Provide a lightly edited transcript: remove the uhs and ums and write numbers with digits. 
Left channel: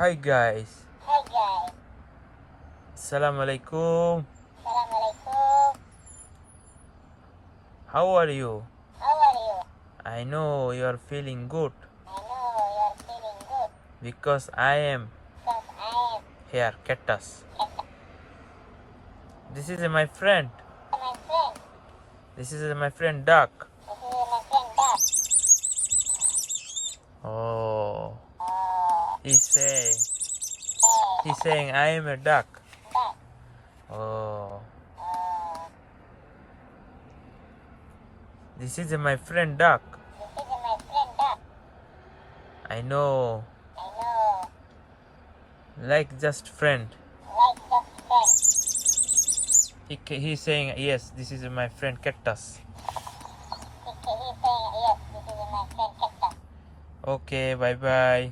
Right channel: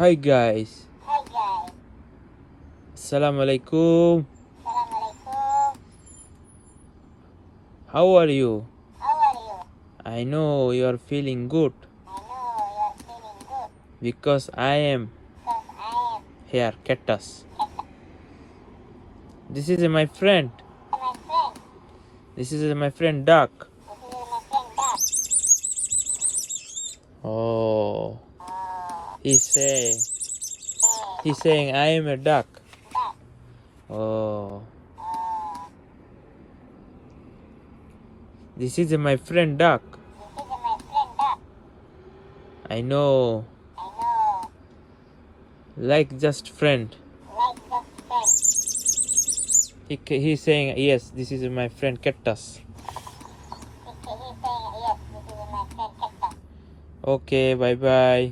Hi guys, Hi guys. Assalamualaikum. Assalamualaikum. How are you? How are you? I know you are feeling good I know you are feeling good because I am because I am here, cactus. cactus. This is my friend. My friend. This is my friend Duck. This is my friend Duck. Oh, Oh, he's saying hey, he's saying I am a duck. Duck. Oh, Oh, this is my friend Duck. this is my friend Duck. I know, I know. like just friend. Like just friend. He's saying yes. This is my friend cactus. He's saying yes. This is my friend cactus. Okay, bye bye.